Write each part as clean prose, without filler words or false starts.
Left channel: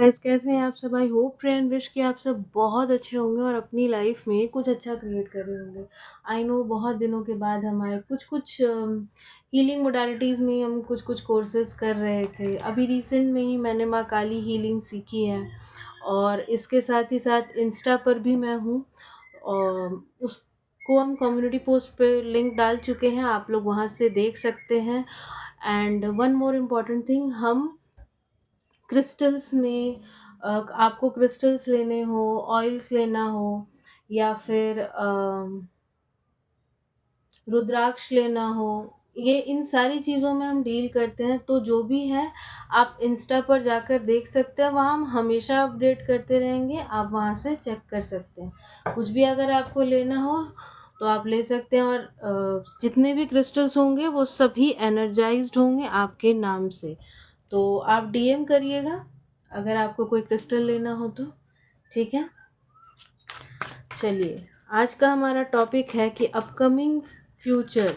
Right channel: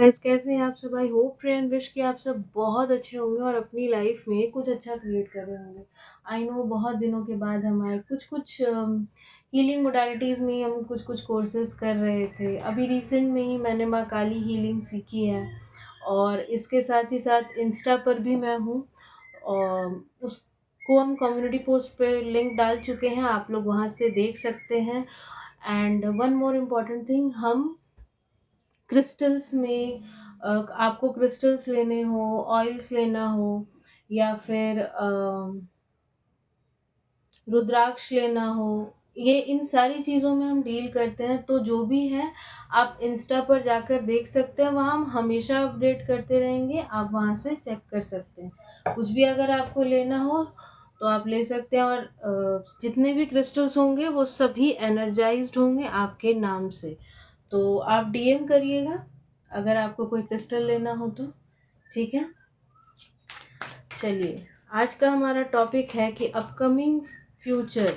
Guys, कैसे हैं आप सब? I hope pray and wish कि आप सब बहुत अच्छे होंगे और अपनी लाइफ में कुछ अच्छा क्रिएट कर रहे होंगे। आई नो बहुत दिनों के बाद हम आए, कुछ कुछ हीलिंग मोडालिटीज़ में हम कुछ कुछ कोर्सेज कर रहे थे। अभी रिसेंट में ही मैंने माँ काली हीलिंग सीखी है और इसके साथ ही साथ इंस्टा पर भी मैं हूँ और उसको हम कम्युनिटी पोस्ट पे लिंक डाल चुके हैं, आप लोग वहाँ से देख सकते हैं। And one more important thing, हम क्रिस्टल्स में आपको क्रिस्टल्स लेने हो, ऑयल्स लेना हो या फिर रुद्राक्ष लेना हो, ये इन सारी चीज़ों में हम डील करते हैं। तो जो भी है आप इंस्टा पर जाकर देख सकते हैं, वहाँ हम हमेशा अपडेट करते रहेंगे, आप वहाँ से चेक कर सकते हैं। कुछ भी अगर आपको लेना हो तो आप ले सकते हैं और जितने भी क्रिस्टल्स होंगे वो सभी एनर्जाइज्ड होंगे आपके नाम से। तो आप डीएम करिएगा अगर आपको कोई क्रिस्टल लेना हो तो। ठीक है, चलिए आज का हमारा टॉपिक है कि अपकमिंग फ्यूचर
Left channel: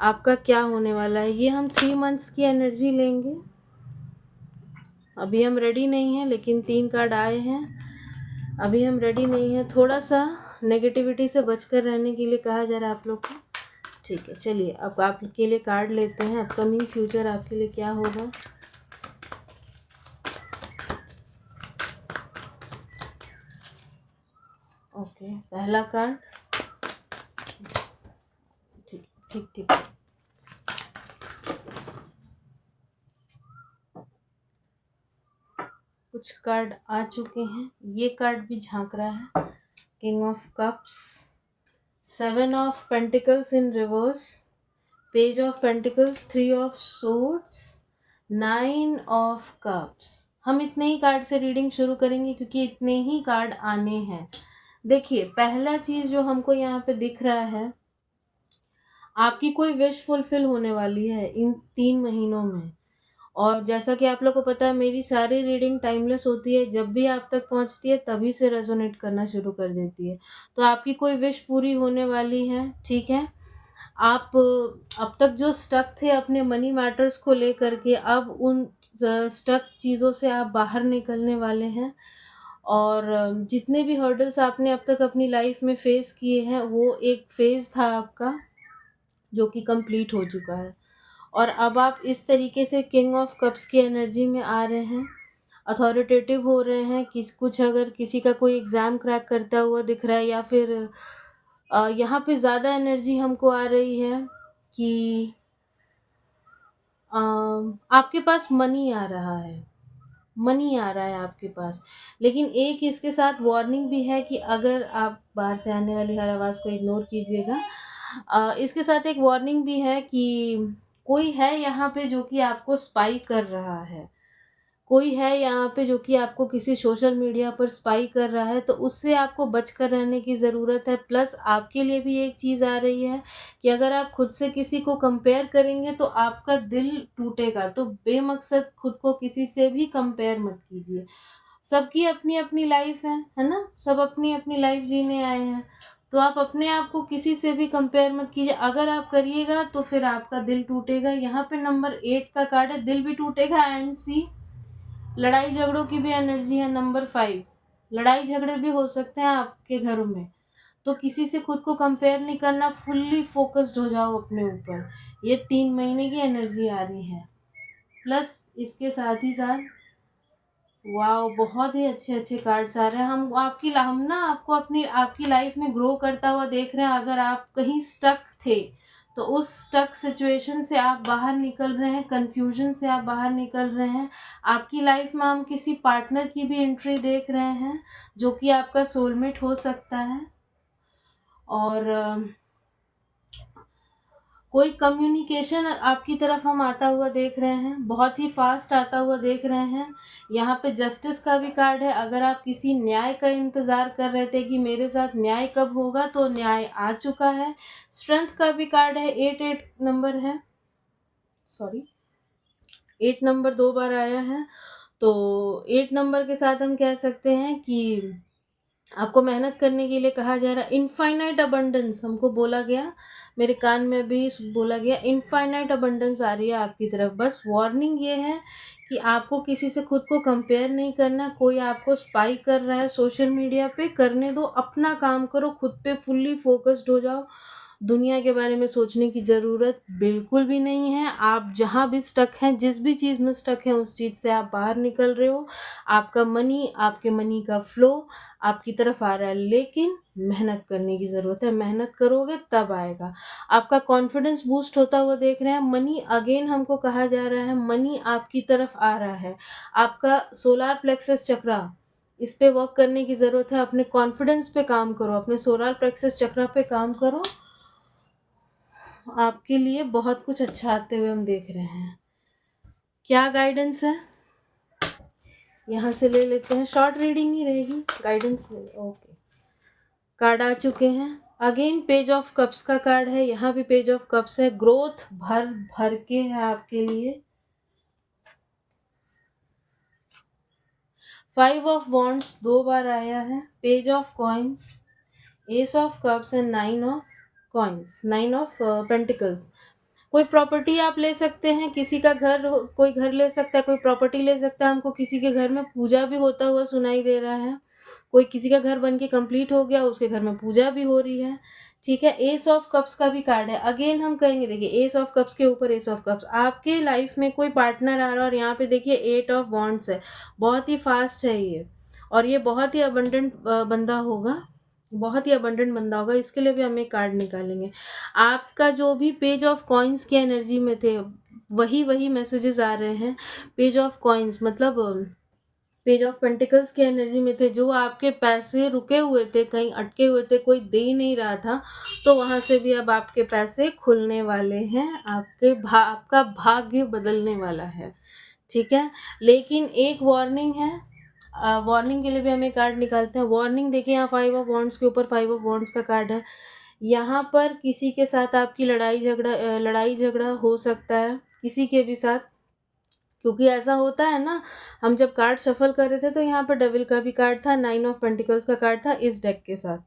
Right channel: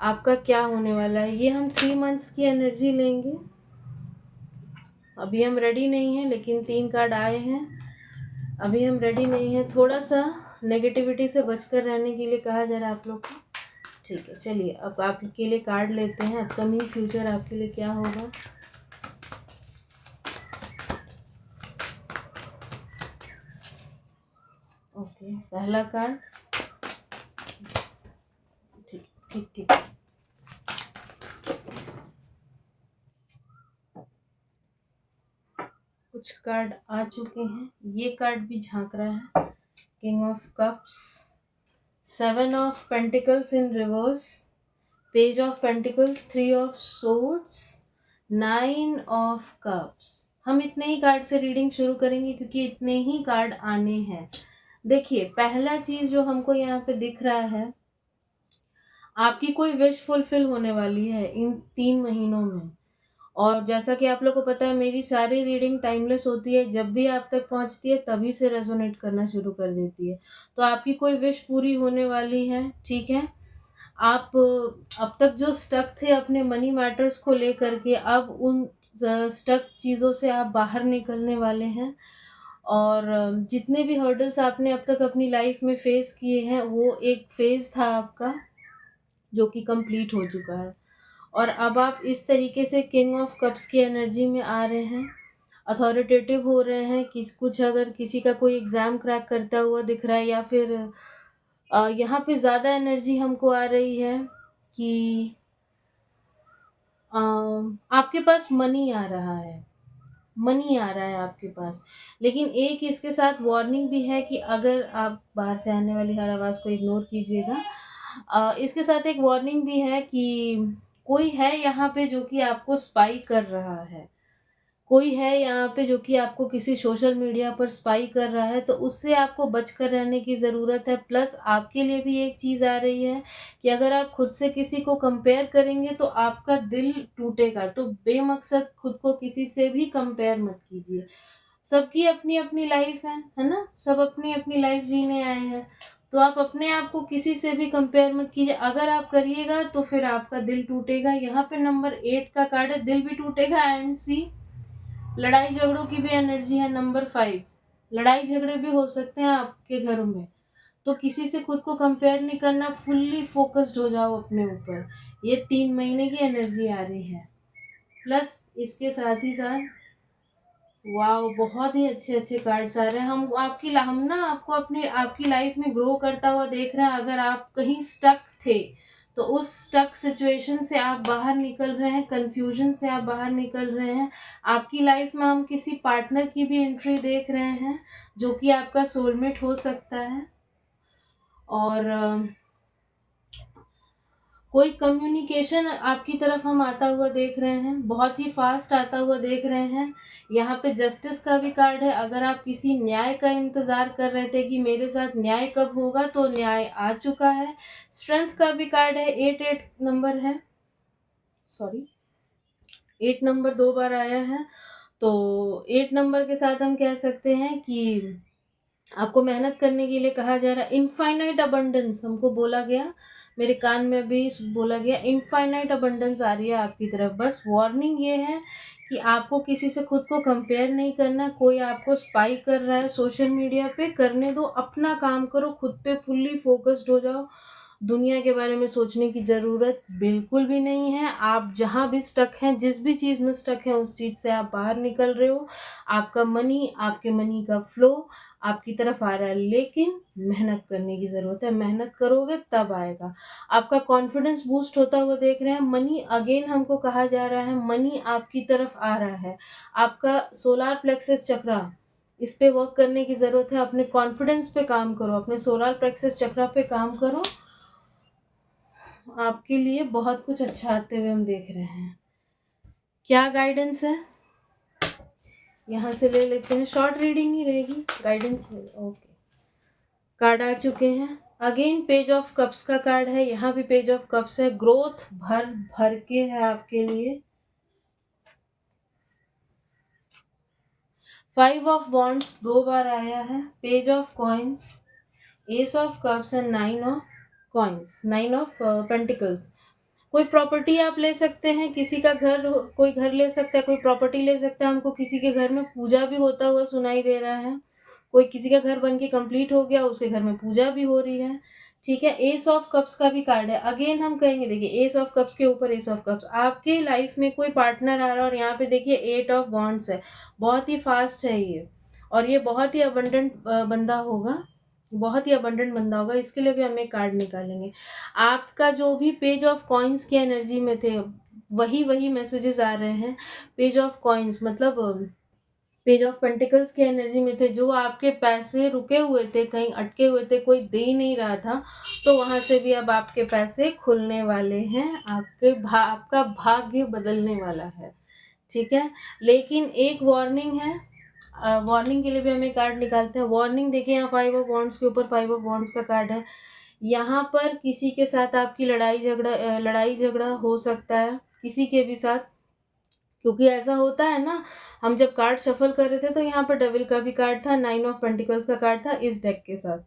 आपका क्या होने वाला है। ये हम 3 मंथ्स की एनर्जी लेंगे। अभी हम रेडी नहीं हैं, लेकिन 3 कार्ड आए हैं। अभी हम रेडी नहीं हैं, थोड़ा सा नेगेटिविटी से बचकर रहने के लिए कहा जा रहा है आप लोग को। ठीक है, चलिए अब आपके लिए कार्ड लेते हैं। अपकमिंग फ्यूचर आपके लिए क्या होगा। ओके, पहला कार्ड। ठीक ठीक ठीक। कुछ कार्ड आ चुके हैं, ये कार्ड भी झांक रहा है। King of cups, 7 of pentacles in reverse, page of pentacles, 3 of swords, 9 of cups. हम इतने ही कार्ड से रीडिंग शुरू करेंगे क्योंकि इतने ही कार्ड आने हैं। देखिए, पहला चीज जो हमको यहाँ पे दिख रहा है, आपकी कोई विश फुलफिल होने वाली है इन 3 महीनों में। और जैसा कि आप लोग को पता है, मेरी सारी रीडिंग टाइमलेस होती है, जब भी आप तक पहुंचती है तभी से रेजोनेट करना शुरू कर देती है। तो आपकी कोई विश पूरी होने वाली है। ठीक है, आप अब तक जो स्टक थे अपने मनी मैटर्स को लेकर के, अब उन स्टक चीज़ों से आप बाहर निकलने वाले हैं। और जितने भी हर्डल्स आपने अब तक अपनी लाइफ में फेस किए हैं, वो एक फेज था आपका जो कि कंप्लीट हो चुका है। और अब आप इस तरीके से किंग ऑफ कप्स की एनर्जी में आ रहे हैं, अथॉरिटेटिव हो रहे हैं। कुछ अगर किसी का कोई एग्ज़ाम क्रैक करता हुआ दिख रहा है या फिर यहाँ पे ज़्यादा एनर्जी हमको आ रही है कि अ, आपके पास मनी आ रहा है। मनी आ रहा है आपके पास। लेकिन एक इसके साथ वार्निंग भी है कि अगर आप बाहर से आने वाली हर आवाज़ को इग्नोर कीजिएगा। इसके साथ एक वार्निंग भी है कि कोई है यहाँ पे जो कि आपको स्पाई कर रहा है। कोई है यहाँ पे जो कि आपको किसी सोशल मीडिया पर स्पाई कर रहा है, तो उससे आपको बचकर रहने की ज़रूरत है। प्लस आपके लिए भी एक चीज़ आ रही है कि अगर आप खुद से किसी को कंपेयर करेंगे तो आपका दिल टूटेगा। तो बेमकसद खुद को किसी से भी कंपेयर मत कीजिए। सबकी अपनी-अपनी लाइफ है ना? सब अपनी-अपनी लाइफ जीने आए हैं। तो आप अपने आप को किसी से भी कंपेयर मत कीजिए। अगर आप करिएगा तो फिर आपका दिल टूटेगा। यहाँ पे नंबर 8 का कार्ड है, दिल भी टूटेगा। एंड सी, लड़ाई झगड़ों की भी एनर्जी है। नंबर 5, लड़ाई झगड़े भी हो सकते हैं आपके घरों में। तो किसी से खुद को कंपेयर नहीं करना, फुल्ली फोकस्ड हो जाओ अपने ऊपर। ये 3 महीने की एनर्जी आ रही है। प्लस इसके साथ ही साथ वाओ, बहुत ही अच्छे-अच्छे कार्ड्स आ रहे हैं। हम ना आपको अपनी आपकी लाइफ में ग्रो करता हुआ देख रहे हैं। अगर आप कहीं स्टक थे, तो उस स्टक सिचुएशन से आप बाहर निकल रहे हैं, कन्फ्यूजन से आप बाहर निकल रहे हैं। आपकी लाइफ में हम किसी पार्टनर की भी एंट्री देख रहे हैं, जो कि आपका सोलमेट हो सकता है। और कोई कम्युनिकेशन आपकी तरफ हम आता हुआ देख रहे हैं, बहुत ही फास्ट आता हुआ देख रहे हैं। यहाँ पे जस्टिस का भी कार्ड है। अगर आप किसी न्याय का इंतज़ार कर रहे थे कि मेरे साथ न्याय कब होगा, तो न्याय आ चुका है। स्ट्रेंथ का भी कार्ड है, 8 नंबर है। सॉरी, 8 नंबर 2 बार आया है। तो 8 नंबर के साथ हम कह सकते हैं कि आपको मेहनत करने के लिए कहा जा रहा है। इनफाइनाइट अबंडेंस हमको बोला गया। मेरे कान में भी बोला गया इनफाइनाइट अबंडेंस आ रही है आपकी तरफ। बस वार्निंग ये है कि आपको किसी से खुद को कंपेयर नहीं करना। कोई आपको स्पाई कर रहा है सोशल मीडिया पे, करने दो, अपना काम करो, खुद पे फुल्ली फोकस्ड हो जाओ। दुनिया के बारे में सोचने की ज़रूरत बिल्कुल भी नहीं है। आप जहाँ भी स्टक हैं, जिस भी चीज़ में स्टक हैं, उस चीज़ से आप बाहर निकल रहे हो। आपका मनी, आपके मनी का फ्लो आपकी तरफ आ रहा है, लेकिन मेहनत करने की ज़रूरत है। मेहनत करोगे तब आएगा। आपका कॉन्फिडेंस बूस्ट होता हुआ देख रहे हैं। मनी अगेन हमको कहा जा रहा है, मनी आपकी तरफ आ रहा है। आपका सोलार प्लेक्सस चक्रा, इस पे वर्क करने की ज़रूरत है। अपने कॉन्फिडेंस पे काम करो, अपने सोलार प्लेक्सस चक्रा पे काम करो। आपके लिए बहुत कुछ अच्छा आते हुए हम देख रहे हैं। क्या गाइडेंस है, यहाँ से ले लेते हैं। शॉर्ट रीडिंग ही रहेगी, गाइडेंस नहीं। ओके, कार्ड आ चुके हैं। अगेन पेज ऑफ कप्स का कार्ड है, यहाँ भी पेज ऑफ कप्स है। ग्रोथ भर भर के है आपके लिए। 5 ऑफ वॉन्ड्स 2 बार आया है। Page of coins, S of cups and 9 of coins, 9 of pentacles. कोई प्रॉपर्टी आप ले सकते हैं, किसी का घर, कोई घर ले सकता है, कोई प्रॉपर्टी ले सकता है। हमको किसी के घर में पूजा भी होता हुआ सुनाई दे रहा है। कोई किसी का घर बन के कंप्लीट हो गया, उसके घर में पूजा भी हो रही है। ठीक है, एस ऑफ कप्स का भी कार्ड है। अगेन हम कहेंगे, देखिए एस ऑफ कप्स के ऊपर एस ऑफ कप्स, आपके लाइफ में कोई पार्टनर आ रहा है। और यहाँ पे देखिए 8 ऑफ वॉन्ड्स है। बहुत ही फास्ट है ये, और ये बहुत ही अबंडेंट बंदा होगा, बहुत ही अबंडेंट बंदा होगा। इसके लिए भी हम एक कार्ड निकालेंगे। आपका जो भी पेज ऑफ कॉइन्स की एनर्जी में थे, वही वही मैसेजेस आ रहे हैं। पेज ऑफ कॉइन्स मतलब पेज ऑफ पेंटिकल्स की एनर्जी में थे। जो आपके पैसे रुके हुए थे, कहीं अटके हुए थे, कोई दे ही नहीं रहा था, तो वहां से भी अब आपके पैसे खुलने वाले हैं। आपका भाग्य बदलने वाला है। ठीक है, लेकिन एक वार्निंग है। वार्निंग के लिए भी हम एक कार्ड निकालते हैं। वार्निंग देखिए, यहाँ 5 ऑफ वॉन्ड्स के ऊपर 5 ऑफ वॉन्ड्स का कार्ड है। यहाँ पर किसी के साथ आपकी लड़ाई झगड़ा हो सकता है, किसी के भी साथ। क्योंकि ऐसा होता है ना, हम जब कार्ड शफल कर रहे थे तो यहाँ पर डेविल का भी कार्ड था, 9 ऑफ पेंटिकल्स का कार्ड था इस डेक के साथ।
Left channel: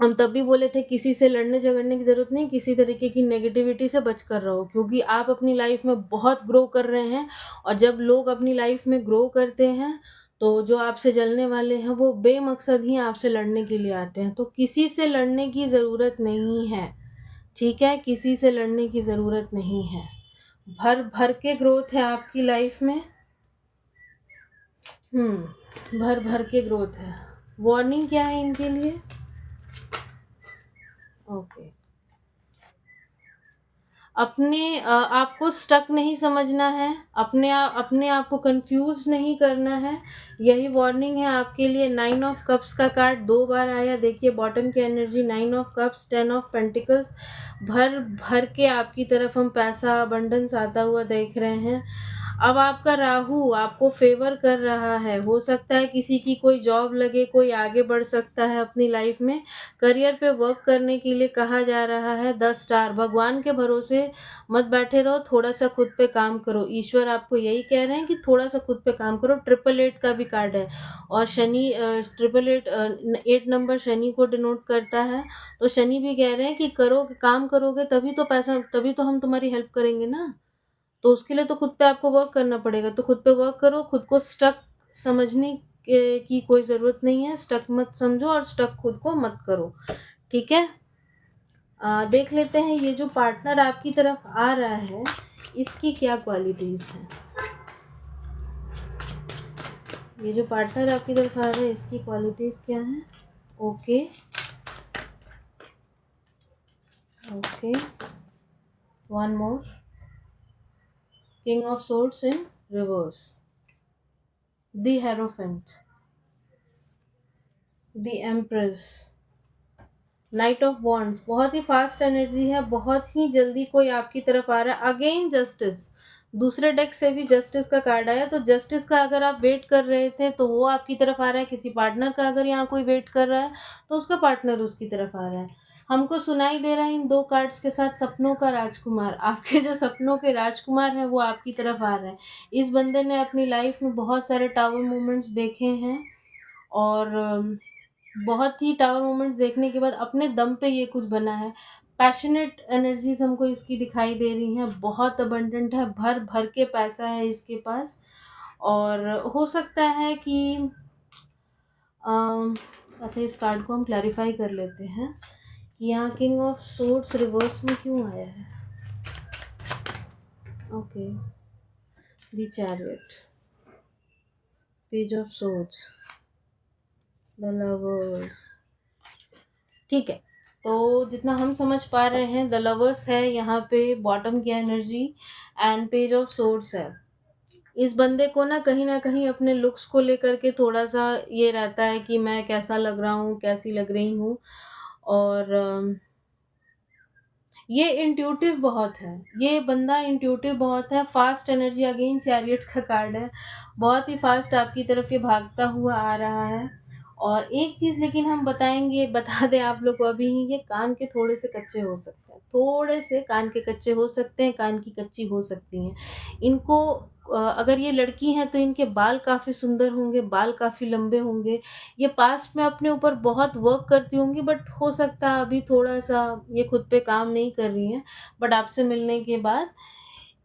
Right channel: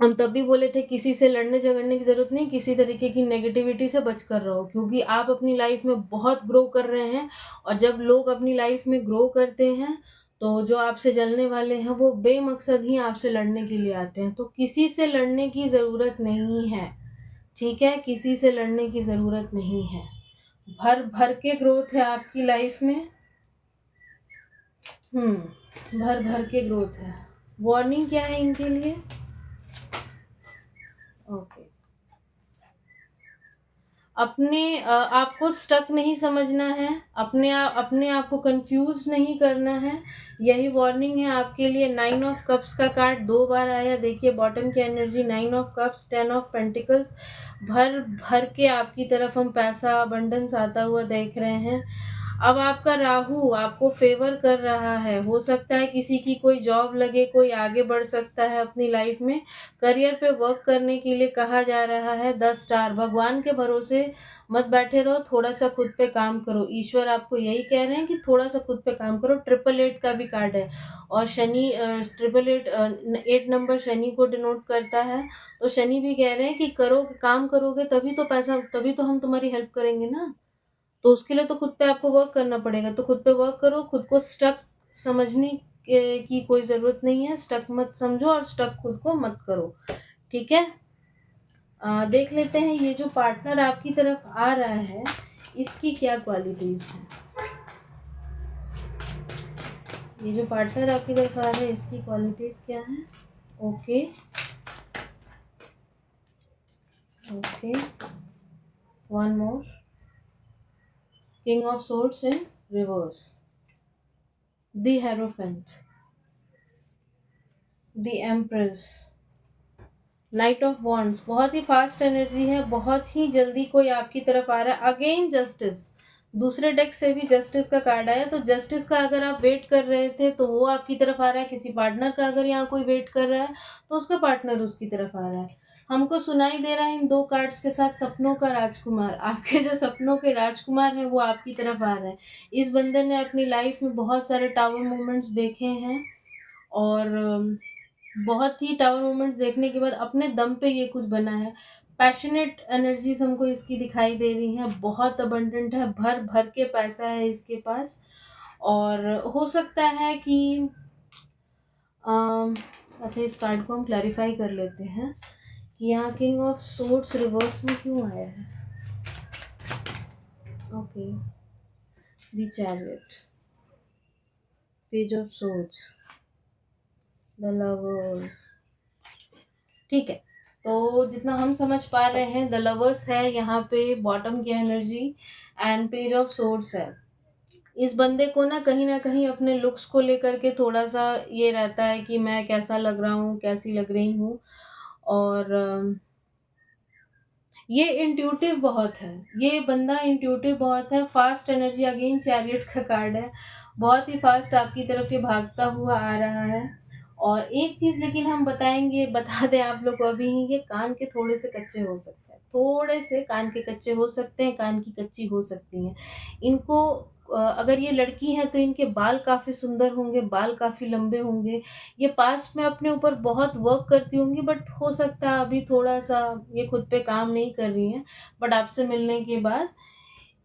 हम तब भी बोले थे किसी से लड़ने झगड़ने की जरूरत नहीं, किसी तरीके की नेगेटिविटी से बच कर रहो, क्योंकि आप अपनी लाइफ में बहुत ग्रो कर रहे हैं। और जब लोग अपनी लाइफ में ग्रो करते हैं, तो जो आपसे जलने वाले हैं वो बेमकसद ही आपसे लड़ने के लिए आते हैं। तो किसी से लड़ने की ज़रूरत नहीं है। ठीक है, किसी से लड़ने की ज़रूरत नहीं है। भर भर के ग्रोथ है आपकी लाइफ में। भर भर के ग्रोथ है। वार्निंग क्या है इनके लिए? ओके, आपको स्टक नहीं समझना है, अपने आप को कंफ्यूज नहीं करना है। यही वार्निंग है आपके लिए। 9 ऑफ कप्स का कार्ड 2 बार आया। देखिए बॉटम की energy, 9 of cups, 10 of pentacles. भर भर के आपकी तरफ हम पैसा अबंडेंस आता हुआ देख रहे हैं। अब आपका राहु आपको फेवर कर रहा है। हो सकता है किसी की कोई जॉब लगे, कोई आगे बढ़ सकता है अपनी लाइफ में। करियर पे वर्क करने के लिए कहा जा रहा है। 10 स्टार, भगवान के भरोसे मत बैठे रहो, थोड़ा सा खुद पे काम करो। ईश्वर आपको यही कह रहे हैं कि थोड़ा सा खुद पे काम करो। 888 का भी कार्ड है, और शनि 888 8 नंबर शनि को डिनोट करता है। तो शनि भी कह रहे हैं कि करो, काम करोगे तभी तो पैसा, तभी तो हम तुम्हारी हेल्प करेंगे ना। तो उसके लिए तो खुद पे आपको वर्क करना पड़ेगा। तो खुद पे वर्क करो, खुद को स्टक समझने की कोई ज़रूरत नहीं है। स्टक मत समझो और स्टक खुद को मत करो। ठीक है, देख लेते हैं ये जो पार्टनर आपकी तरफ आ रहा है, इसकी क्या क्वालिटीज़ हैं। ये जो पार्टनर आपकी तरफ आ रहा है, इसकी क्वालिटीज़ क्या हैं? Okay okay, one more. King of swords in reverse, the hierophant, the empress, night of wands. बहुत ही फास्ट एनर्जी है, बहुत ही जल्दी कोई आपकी तरफ आ रहा है। अगेन जस्टिस, दूसरे डेक से भी जस्टिस का कार्ड आया। तो जस्टिस का अगर आप वेट कर रहे थे तो वो आपकी तरफ आ रहा है। किसी पार्टनर का अगर यहाँ कोई वेट कर रहा है तो उसका पार्टनर उसकी तरफ आ रहा है। हमको सुनाई दे रहा है इन दो कार्ड्स के साथ सपनों का राजकुमार। आपके जो सपनों के राजकुमार हैं वो आपकी तरफ आ रहे हैं। इस बंदे ने अपनी लाइफ में बहुत सारे टावर मोमेंट्स देखे हैं, और बहुत ही टावर मोमेंट्स देखने के बाद अपने दम पे ये कुछ बना है। पैशनेट एनर्जीज हमको इसकी दिखाई दे रही हैं, बहुत अबंडेंट है, भर भर के पैसा है इसके पास। और हो सकता है कि अच्छा, इस कार्ड को हम क्लैरिफाई कर लेते हैं कि यहाँ किंग ऑफ सोर्ड्स रिवर्स में क्यों आया है। Okay, the chariot, page of swords, the lovers. ठीक है, तो जितना हम समझ पा रहे हैं, द लवर्स है यहाँ पे बॉटम की energy, and page of swords है। इस बंदे को ना कहीं अपने लुक्स को लेकर के थोड़ा सा ये रहता है कि मैं कैसा लग रहा हूँ, कैसी लग रही हूँ। और ये इंट्यूटिव बहुत है, ये बंदा इंट्यूटिव बहुत है। फास्ट एनर्जी, अगेन चैरियट का कार्ड है, बहुत ही फास्ट आपकी तरफ ये भागता हुआ आ रहा है। और एक चीज लेकिन हम बता दें आप लोग को अभी ही, ये कान के थोड़े से कच्चे हो सकते हैं, थोड़े से कान के कच्चे हो सकते हैं, कान की कच्ची हो सकती हैं इनको। अगर ये लड़की हैं तो इनके बाल काफी सुंदर होंगे, बाल काफी लंबे होंगे। ये पास्ट में अपने ऊपर बहुत वर्क करती होंगी, बट हो सकता है अभी थोड़ा सा ये खुद पे काम नहीं कर रही हैं, बट आपसे मिलने के बाद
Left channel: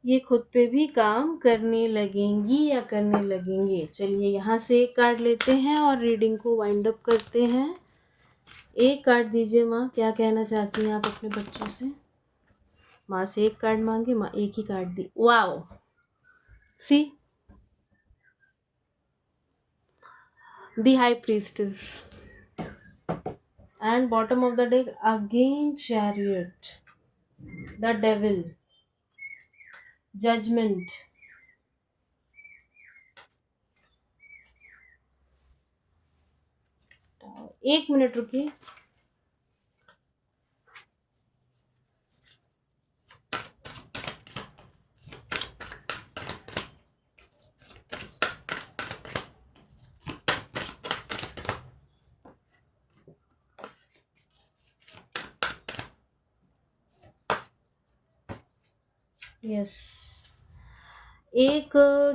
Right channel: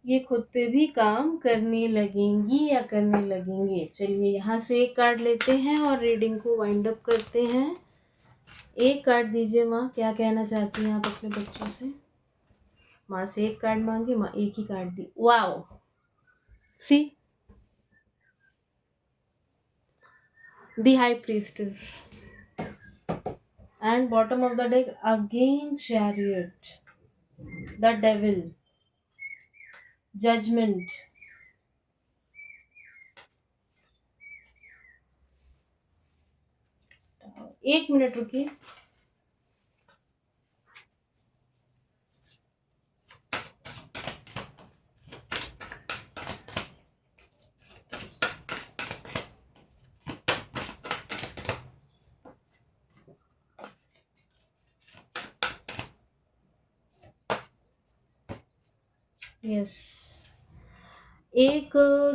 ये खुद पे भी काम करने लगेंगी या करने लगेंगे। चलिए यहाँ से एक कार्ड लेते हैं और रीडिंग को वाइंड अप करते हैं। एक कार्ड दीजिए माँ, क्या कहना चाहती हैं आप अपने बच्चों से। माँ से एक कार्ड मांगे, माँ एक ही कार्ड दी। Wow, see the high priestess, and bottom of the deck again chariot, the devil, judgment। एक मिनट रुकिए। यस, एक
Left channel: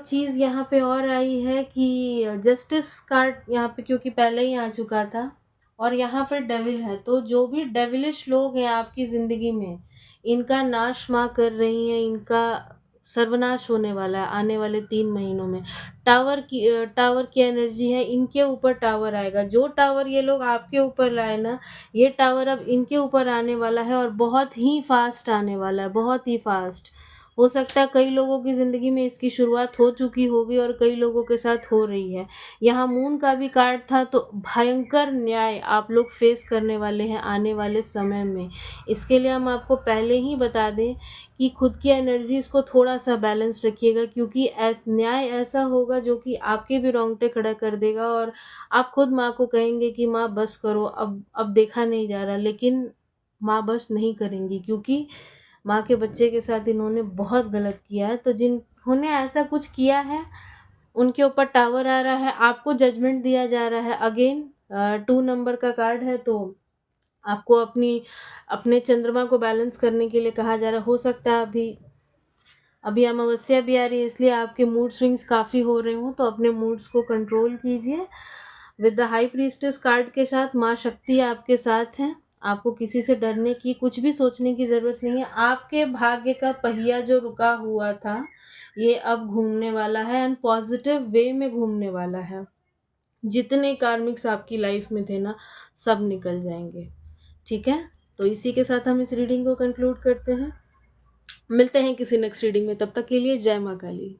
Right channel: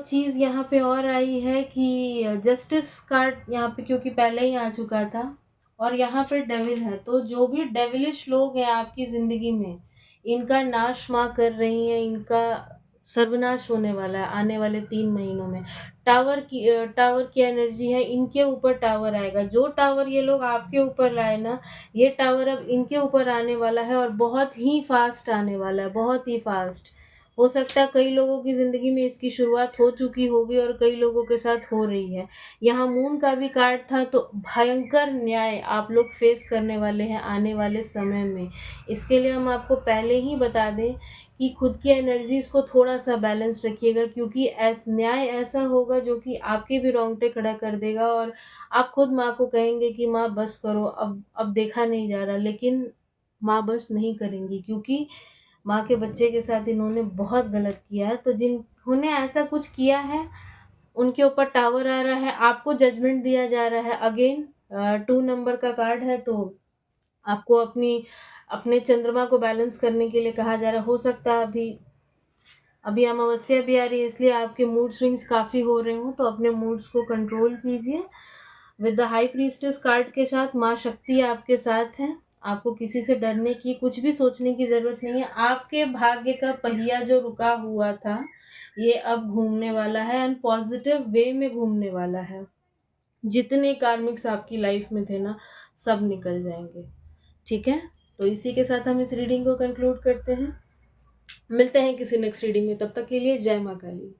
चीज यहाँ पे और आई है कि जस्टिस कार्ड यहाँ पे क्योंकि पहले ही आ चुका था, और यहाँ पे डेविल है। तो जो भी डेविलिश लोग हैं आपकी जिंदगी में, इनका नाश माँ कर रही है, इनका सर्वनाश होने वाला है आने वाले 3 महीनों में। टावर की एनर्जी है, इनके ऊपर टावर आएगा। जो टावर ये लोग आपके ऊपर लाए ना, ये टावर अब इनके ऊपर आने वाला है, और बहुत ही फास्ट आने वाला है, बहुत ही फास्ट। हो सकता है कई लोगों की ज़िंदगी में इसकी शुरुआत हो चुकी होगी और कई लोगों के साथ हो रही है। यहाँ मून का भी कार्ड था, तो भयंकर न्याय आप लोग फेस करने वाले हैं आने वाले समय में। इसके लिए हम आपको पहले ही बता दें कि खुद की एनर्जीज को थोड़ा सा बैलेंस रखिएगा, क्योंकि न्याय ऐसा होगा जो कि आपके भी रोंगटे खड़ा कर देगा, और आप खुद माँ को कहेंगे कि माँ बस करो, अब देखा नहीं जा रहा। लेकिन माँ बस नहीं करेंगी, क्योंकि माँ के बच्चे के साथ इन्होंने बहुत गलत किया है। तो जिन्होंने ऐसा कुछ किया है उनके ऊपर टावर आ रहा है, आपको जजमेंट दिया जा रहा है। अगेन 2 नंबर का कार्ड है, तो आपको अपने चंद्रमा को बैलेंस करने के लिए कहा जा रहा है। हो सकता है अभी अभी अमावस्या भी आ रही है, इसलिए आपके मूड स्विंग्स काफ़ी हो रहे हो, तो अपने मूड्स को कंट्रोल कीजिए। With the high priestess card के साथ माँ शक्ति आपके साथ है। आपको किसी से डरने की, कुछ भी सोचने की ज़रूरत नहीं है। आपके भाग्य का पहिया जो रुका हुआ था, ये अब घूमने वाला है, एंड पॉजिटिव वे में घूमने वाला है। जितने कार्मिक्स आपकी लाइफ में थे ना, सब निकल जाएंगे। ठीक है, तो इसी के साथ हम इस रीडिंग को कंक्लूड करते हैं। मिलते हैं किसी नेक्स्ट रीडिंग में, तब तक के लिए जय माँ काली।